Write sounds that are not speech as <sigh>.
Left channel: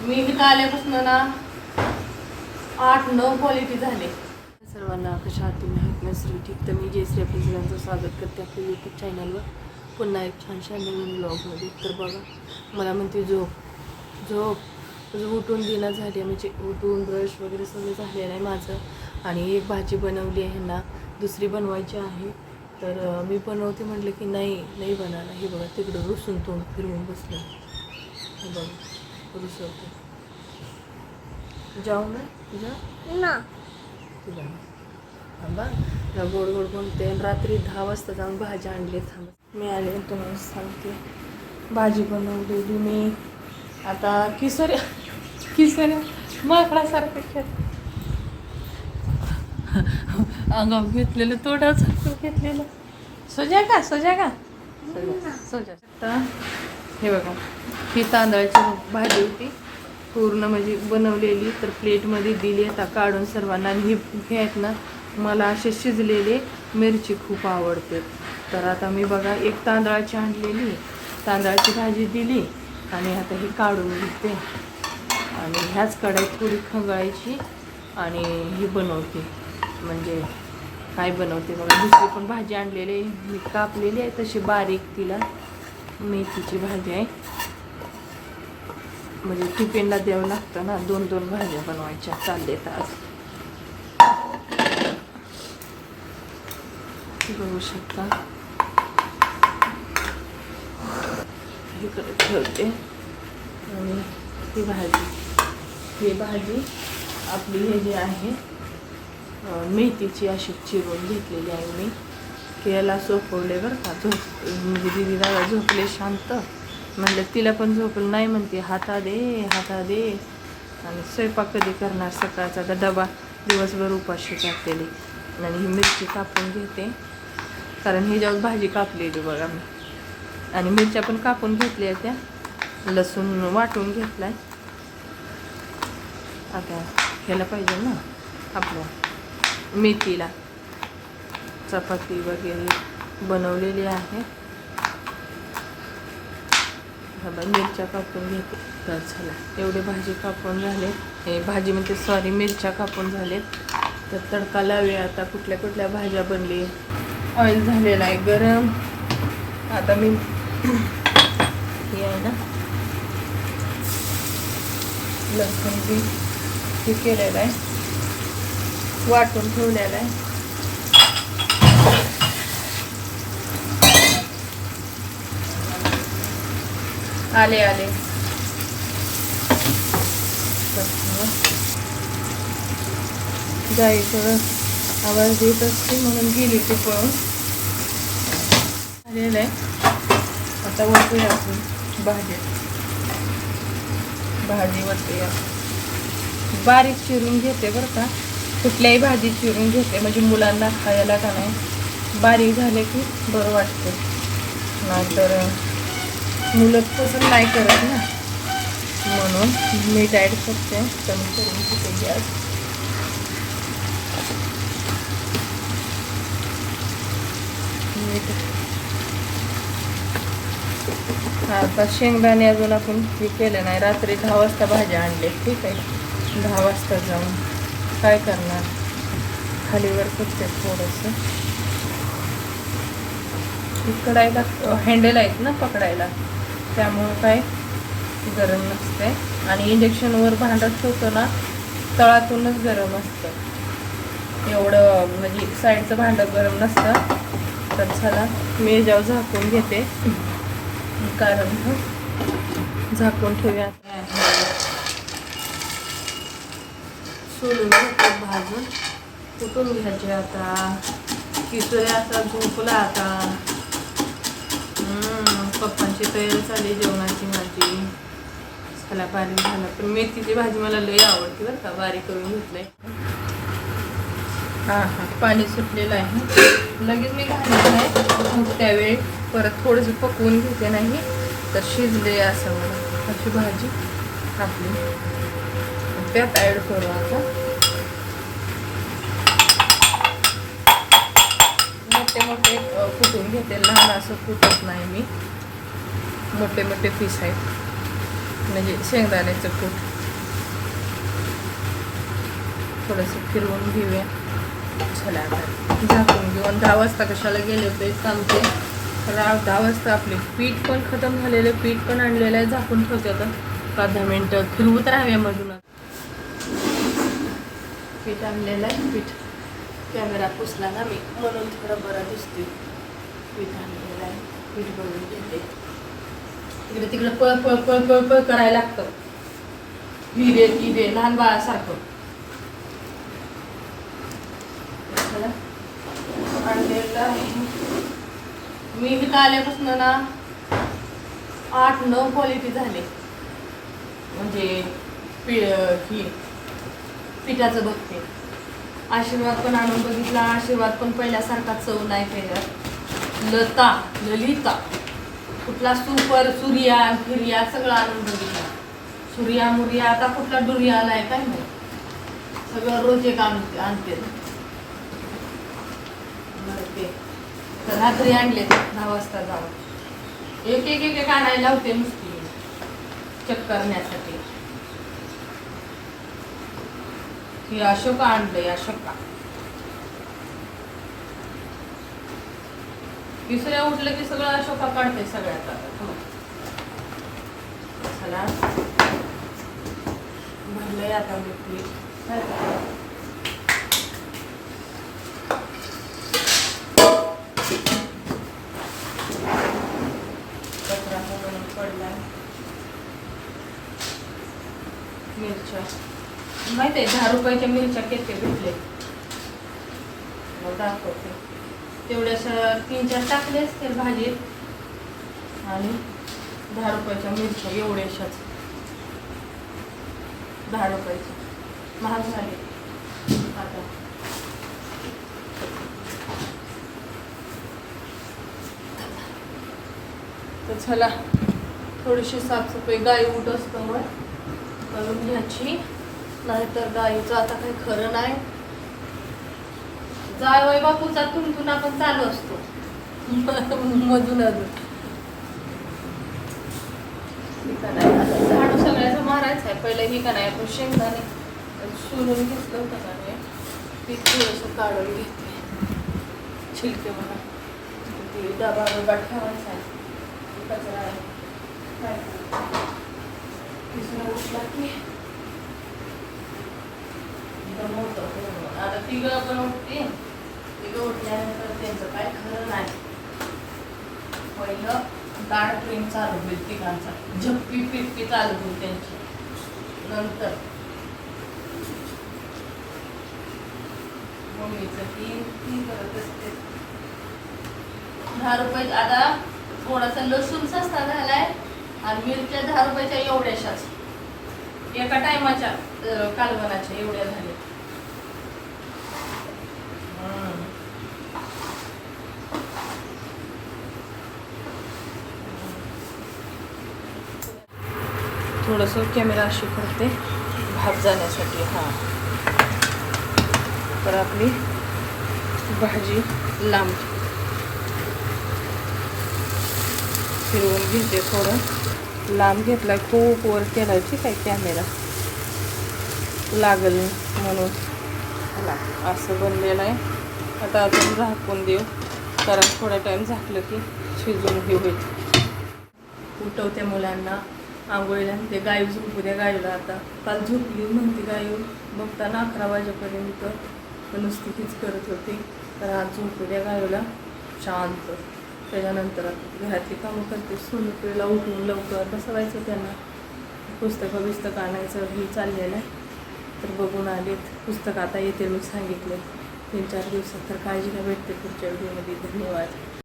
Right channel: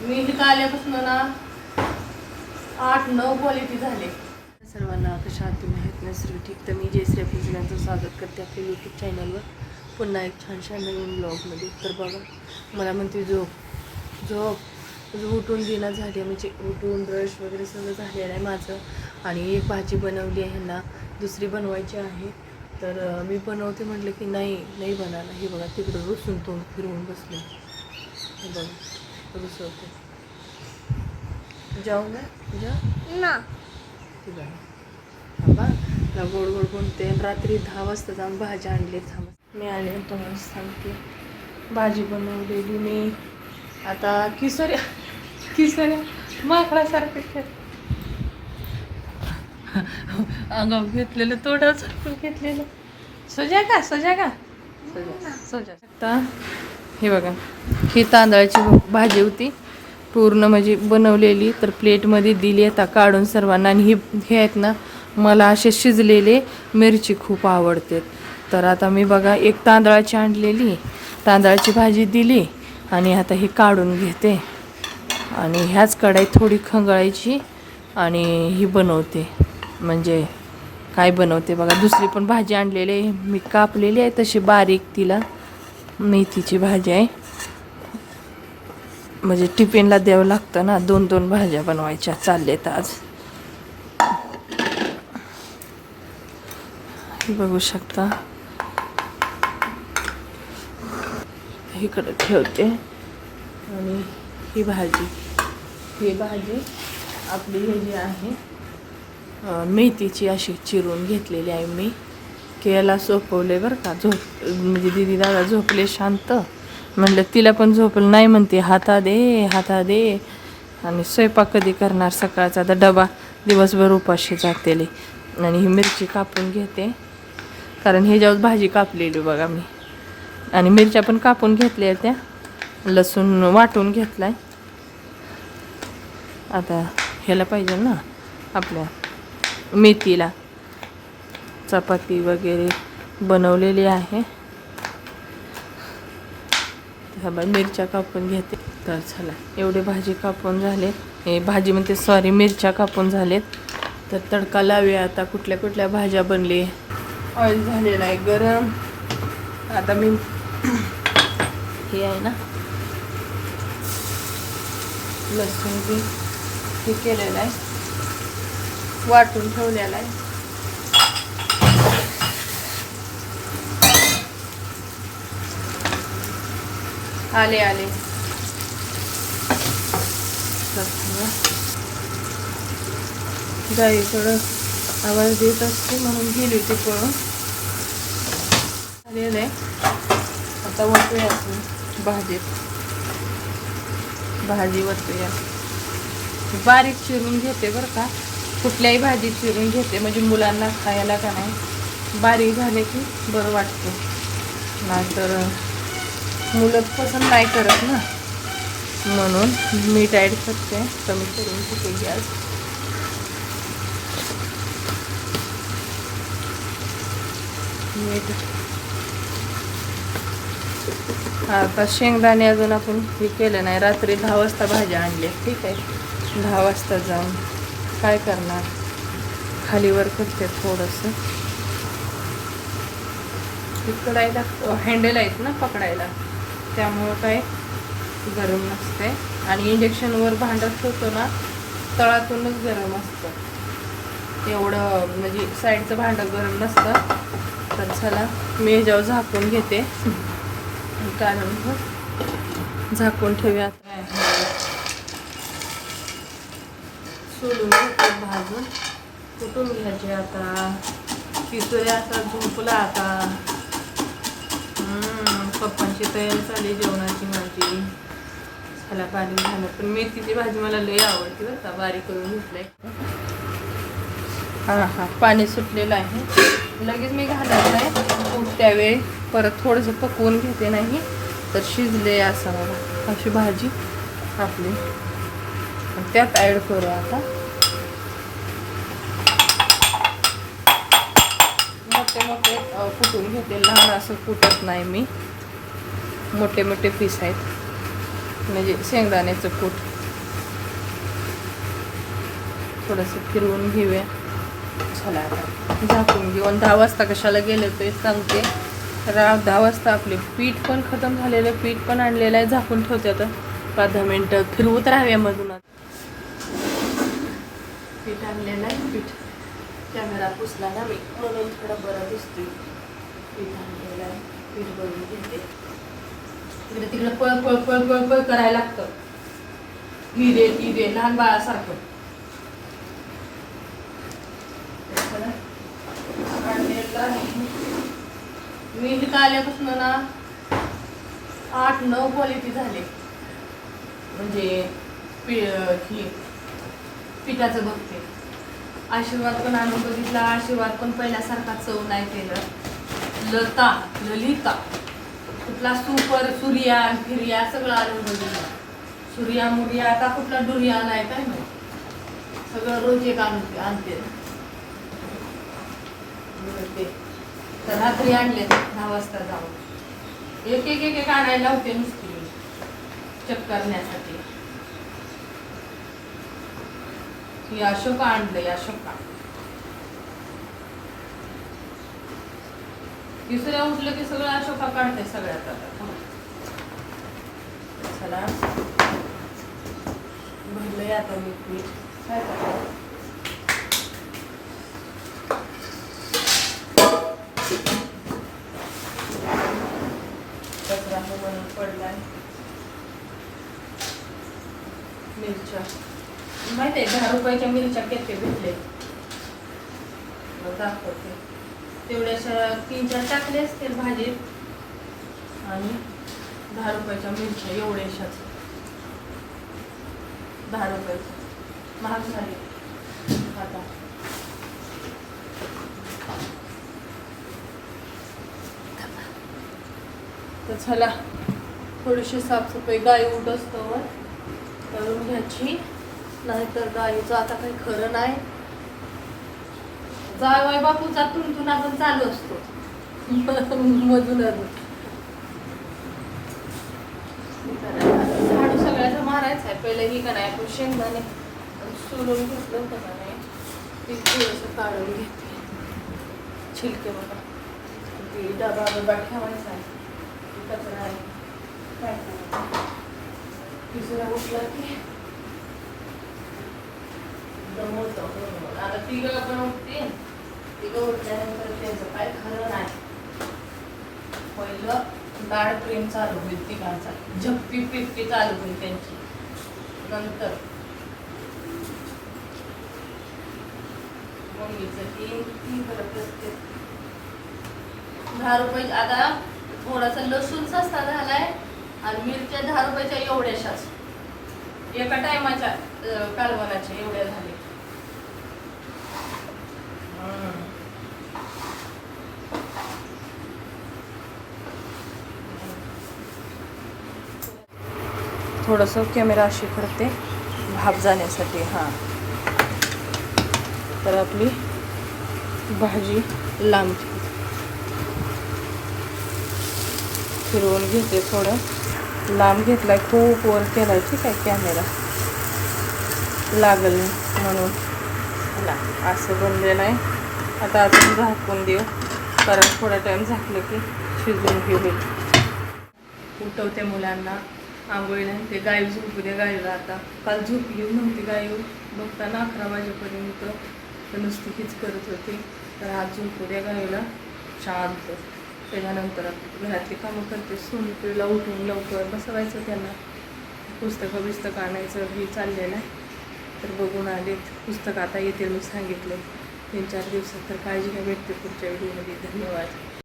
मी इथं आल्यापासून ना आठ नऊ क्वालिटी झाले. सर्वांना कशा आहात तुम्ही? आहेत ना सर्व ठीक. तर मी जयश्री आपल्या सगळ्यांचं स्वागत करते आपल्या यूट्यूब चॅनलवर पुन्हा एक छानशा नवीन ब्लॉगमध्ये तर बघा मला म्हणते झोप. झोप. म्हणजे उठून दिना झाली म्हणजे उठून ब्रश वगैरे सगळं झालेलं आहे माझं. आणि एक भाजी बनवली आहे ना दुसरी बनवायची आहे. तर मी बनवते म्हटलं की नाही नाही बनायला हे बघा तिकडे रुसून तोंड फिरवून बसलं. हे बघा रुसवते जाऊ ना तुझ्या ना. तुझा बाबा ना गोड गोड बोलते आणि रात्री दहा वाजता जाऊन भाजी आणली थांब. मी आले तुम्हाला सांगते. भाजी बनवलेली मी. आता किसोऱ्या किसोऱ्या माकडासारखं खेळ अंगावर घेतलेलं झाकून घेतलेलं. सजा का? सजा का? सजा सजा आता हे बघा ही तांदळाची भाजी होती. पूर्ण म्हणजे बनवलेली तर प्लेटमध्ये दिली आता काढून सर्वांना. आणि ही हे आहेत ना मला असे शिजलेले मिरची खूप आवडते तर आता मी बघा एक तांदळाची आणलेली तांदळाची भाजी दिली आणि आता ही काढून घेते. आणि ह्याच कढाईत थोडी खंगळायची आणि ही बनवते. म्हणजे काय बनवते बघा दुसरी पण भाजी आणलेली आहे. मी कापलेली आहे तशी बारीक तिला. मेथीची भाजी आहे. म्हणजे टिफिनला द्यावं लागतं ना दोन दोन भाज्या बनवायच्या. चाललेत आज. बघू शकता. इकडे ठेवते. आणि ही भाजी. ही भाजी आपली हे जी आहे मेथीची अशी चिरून घेतलेली आहे मी. की याला झोपवले बरं का. झोप म्हणजे दिदी दादा झोपले शांत. म्हणलं तिला पण झोपलं नाही म्हणते हाता दे हाता दे. आणि स्वयंपाक कधी करणार सकाळचा? आता डबा दिवसभर उपाशी जातेले. आणि ही मिरची कापून घेते. कारण हे जेव्हा भाजी कापलेली बघा मी. आणि मिरच्या पण कापून घेतल्या त्या. लसूण वाटून घेतलाय. आता ह्याला पाहिजे ना आपल्या मेथीला. चपाती वगैरे बनवलेली आहे. मिरच्या कापून घेते. तर चला एवढे भाजी कापून झाले. हे भाजी म्हणते सॉरी मिरच्या कापून झालेत. तर तडका लावूया. आता कुठल्या कुठल्या भाज्या बनली? ऑइल झालेला आहे गरम. आता मी <clears throat> हे आहे ना लसूण बी हे केलेलं आहे. वाटून ठेवलेलं आहे. आले आले. जायचं आवाज देत असते म्हणून गेली ते पळून आलेलं. आहे आता वाटूया आपण भाजी भाजी वाटूया बारीक चिरून घेते बरं का. कुठल्याही भाजी चिरून घेते म्हणजे मुलांना खायला का नाही. बारीक झाले की बरं वाटते. नंतर मुलं पसंत नाही करत ना. म्हणून मीठ ॲड करते. कमी करून तिथे गॅस मीठ आता शेंगदाणे अजून आपण हे केलं नाही. रात्री दहा वाजता भाज्या आणल्या. ठीक आहे. दहा वाजता जाऊन काय करणार? खालीवर करते थोडंसं. इकडायला हँडल आहेत ना पकडायला. त्यामुळं काय गरम नसते आणि इंजेक्शनवर भांडत होतं ना तळातूनच गरम असतं. एवढं म्हणजे साईडचं भांडं गरम नसतं. तर चला मी जेव्हा झाकून घेते. कारण हो, झाकून ठेवूया सोलून घेते भाजून. कुठून घ्यायचे आता? किसोऱ्या आता झोपला आता. अशी तयारी झाली जेवणाची माझी. झाला बारीक झाला. पण मेथीची भाजी मला लय आवडते बरं का बारीक करून घेतलंय. हां हां. पाणी सुटलेलं आहे. लगेच मी घालणार नाही त्यावेळी परत थोडंसं पकवून घेते नाही तर शिजले असं अशी भाजी आपली. त्यात ॲड करू आता मोठे मोठे अ, कुटून घेते? लहान असं कुटत नाही मी. मोठे मोठे पीस आहेत. म्हणजे शेंगदाण्याचं कूट. थोडंसं फिरवून घेऊया. झाकून घेऊन दहा वाजता कशाला गेले होते सांगते. तर दहा वाजता आपले पीठ पण खतम झालेलं आहे, पीठ पण आणलेलं आहे झाकून ठेवते आता. पाच दहा मिनटं फिरवत राहाव्या मधून पीठ आणलेलं आहे पीठ. कॅमेरा पुसला ना मी म्हणून थोडं बरं दिसतोय. पीठ आणलेलं आहे पीठ भरून घेते. इकडे तिकडे पळ पळ पळ पळ पळ करायला लागतं. हिरे हिरे लहान बाळासारखं. मी इथं आल्यापासून ना आठ नऊ क्वालिटी झाले. म्हणजे पि ही पिठाचं बघते. आशीर्वाद पण आणून बघितला. आशीर्वाद पण पहिल्यासारखा चव नाही केलं. लता ललिता. कुठला सुपर सूर्या फिर्या सगळं आणून बघितलं सूर्या मुर्या आता कुठला डुर्या आलाय काय माहिती? सगळं रोज एक आणते. आणते ते. तर रात्री आणले दहा वाजता जाऊन. एक एक एक एक आणायला होते नुसती. चेक करण्यासाठी ही अशोका आणलंय अशोका. तिसऱ्या उठलं की सगळं अशोका काढते सगळ्यात आता चला. भरलंय आता मी पीठ. काय कचरा बनून पडलाय. मिरच्या. माहिती आहे दहा रुपयाच्या मिरच्या किती भेटले दाखवते. तेवढ्याशा तीन चार टाकले असतील भाजीत. आणि दहा रुपयाच्या मिरच्या एवढ्याशाच. दहा रुपयाच्या. महाग झाले. आता. तर चला थोडीशी साफसफाई गाय उठ असतो करून घ्यायची. नाहीतर गाईचं आता काही खरं नाही. जाय बापूचा तुंतून आपण चालू असतो. मधून अजून. नाही, आता झाडू सगळ्याचं मारायचं आहे. पहिलं ही का नाही आपण शेंगदाणे सोलून घेतलं होतं का नाही? ती थोडंसं काढून घेते छिलके म्हणा. ती डबा डबा ठेवायचा आहे. ते कचरा आहे. काय तिसरा उठला की दमवतो हो. आता तिघं पण उठते. तिघं उठल्यानंतर त्यांचं काय खरं नाही. पहिलं डाळ प्रेम चालू होईल तिघांचा. झप्पी पिप्पी चालू होईल त्यांची. नंतर मम्मीचं ती ती करत असते. दहा रुपये आता थोडासा लसूण सस्ता झालाय आणि मिरच्या दहा रुपयाच्या एवढ्याशाच. एका टायमाच्या कालवनाच्या एवढ्या झाल्या. थोडंसं कॅमेरा अशी करते भात जाण्यासाठी हां. तर आपली भाजी लांब फिरवून घेते थोडं. लांब घेतला खूप वर केलाय ठीक आहे कॅमेरा. लागल म्हणून. चला असं बनलेलं आहे. आता आपण झाकून देऊ कारण थोडा टाईम झाकलं की शिजून घेऊ उठवते मुलांना. आंघोळीला ते गाय झोपू द्या गायला आता. काल झोपली नव्हती गाय बघताना अकरा वाजेपर्यंत तर नुसती हीच करत होती. तर आज झोपू द्या गायला शांत. त्याच्यानंतर आता घरातली कामं करते. सोनीपुरीला उठून लवकर बसवायचं त्यांना. पुस्तकं बिस्तकं आणायचं हे चाललेलं आहे. तर बघून आलेत पुस्तक आता येतील मी सांगितले. तीन चार दिवसात तर काळजी घ्या. भेटते पुढच्या व्हिडिओमध्ये. धन्यवाद.